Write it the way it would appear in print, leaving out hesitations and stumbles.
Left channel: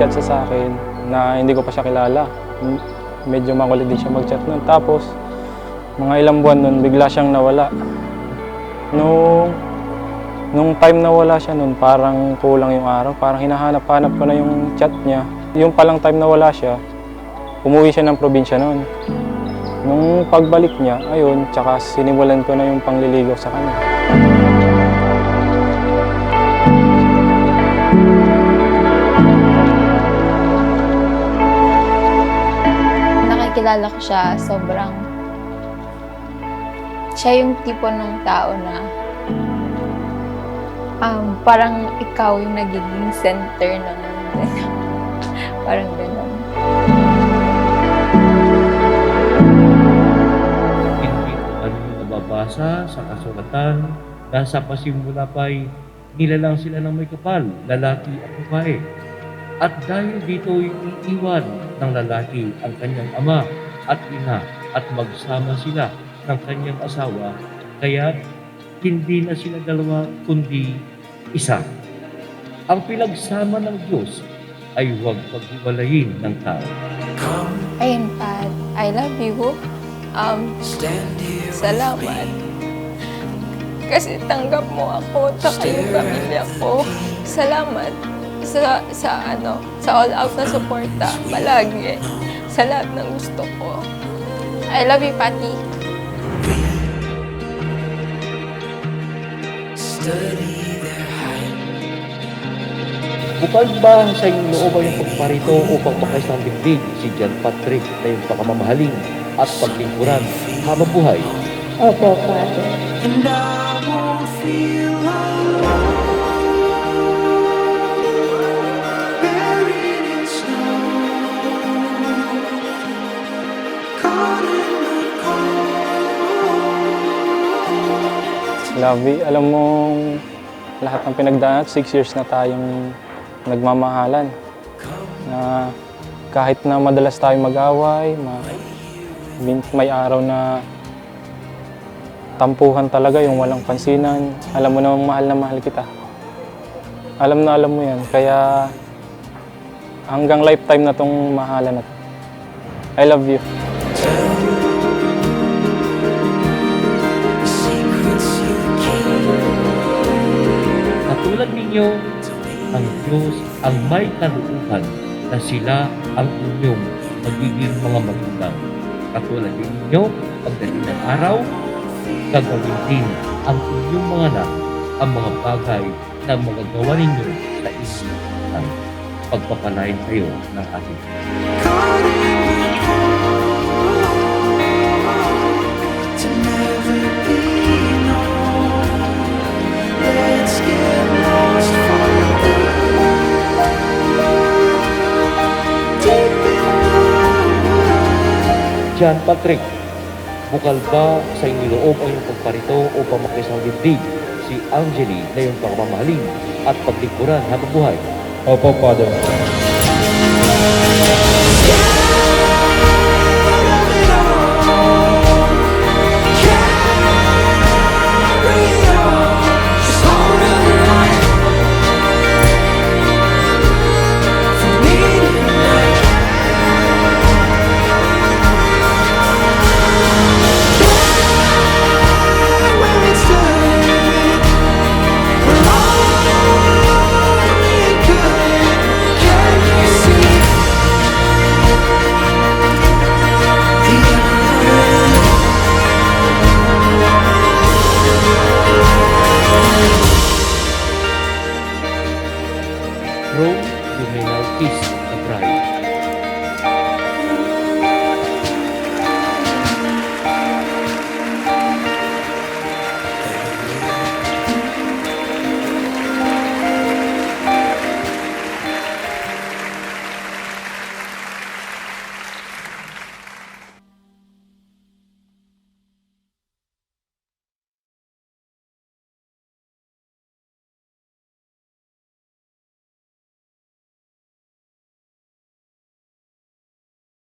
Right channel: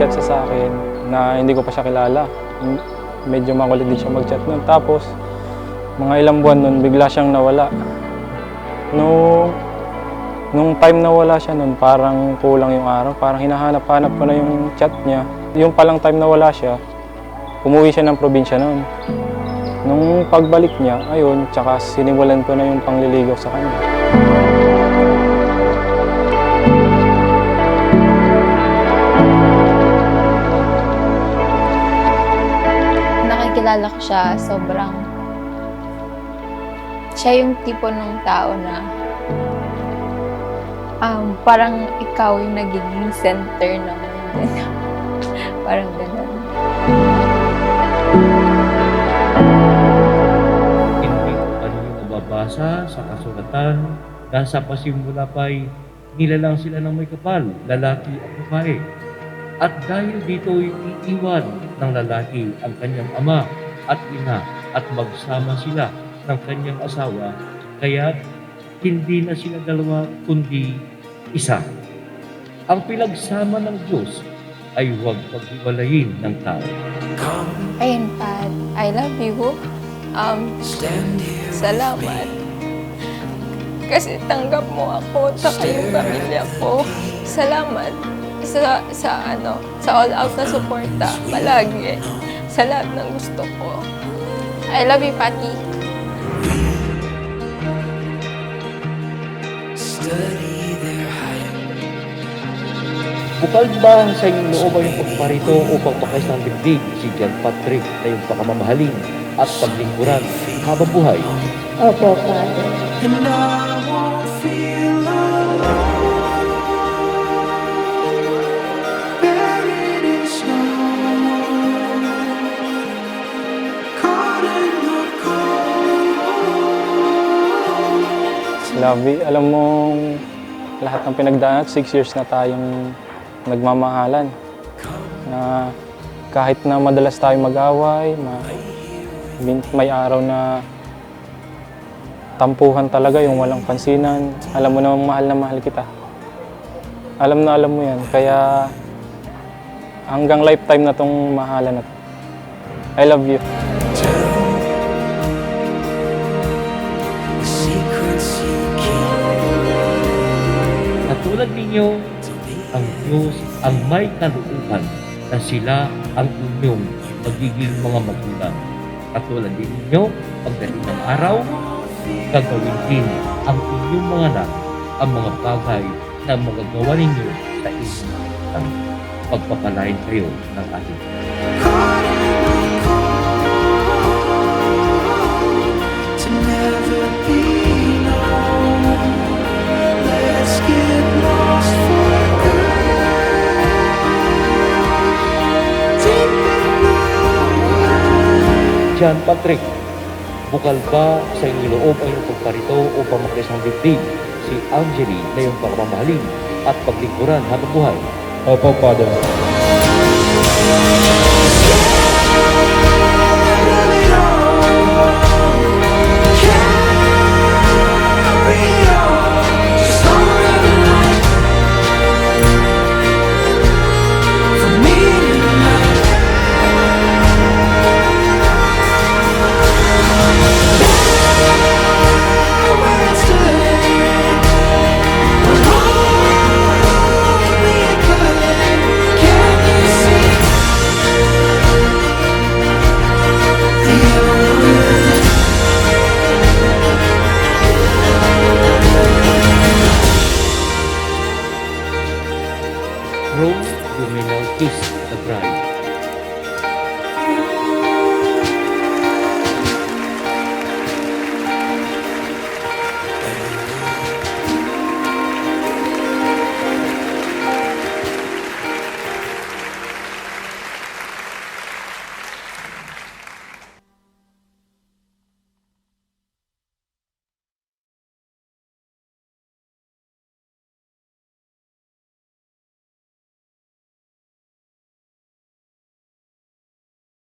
nag-chat siya sa akin na hindi ko pa siya kilala. Medyo makulit din siya mag-chat nun. Tapos, mga ilang buwan nun, bigla siyang nawala. Nung time na wala siya nun, parang kulang yung araw. Parang hinahanap-hanap ko na yung chat niya. Yung palang time na wala siya, umuwi siya ng probinsya nun. Nung pagbalik niya, ayun, tsaka sinimulan ko na yung pangliligaw sa kanya. Nakikilala ko siya, siya yung tipo ng tao na parang ikaw yung nagiging center ng mundo niya. Parang ganun. Hindi pa ninyo nababasa sa kasulatan na sa pasimula pa'y nilalang sila ng may kapal, lalaki at babae. At dahil dito'y iiwan ng lalaki ang kanyang ama at ina at magsama sila ng kanyang asawa, kaya hindi na sila dalawa kundi isa. Ang pinagsama ng Diyos ay huwag paghiwalayin ng tao. Ayun, Pat. I love you. Salamat. Kasi tanggap mo ako at yung pamilya ko. Salamat sa all out na suporta palagi. Sa lahat ng gusto ko. I love you, Patty. Bukal ba sa iyong loob ay yung pagparito upang makais ng dibdib si John Patrick na yung pakamamahaling at paglingkuran habang buhay? Opo, Father. And I won't feel alone, buried in snow, caught in the cold. Lovey, alam mong lahat ng pinagdaan at 6 years na tayong nagmamahalan. Na kahit na madalas tayong mag-away, may araw na tampuhan talaga yung walang pansinan. Alam mo namang mahal na mahal kita. Alam na alam mo yan. Kaya hanggang lifetime na tong mahalan na to. I love you. Katulad ninyo, ang Diyos ang may kalooban na sila ang inyong magiging mga magulang. Katulad din ninyo, pagdating ng araw, gagawin din ang inyong mga anak ang mga bagay na magagawa ninyo sa inyong anak. Pagpapalain kayo ng ating Caught in the cold, to never be known. Let's get lost for good, deep in the woods. John Patrick, bukal ba sa inyong loob ang iyong pagparito upang makisang dibdib si Angeli na iyong pagmamahaling at paglingkuran habang buhay? Opo, Father. Rome, you may now kiss the bride.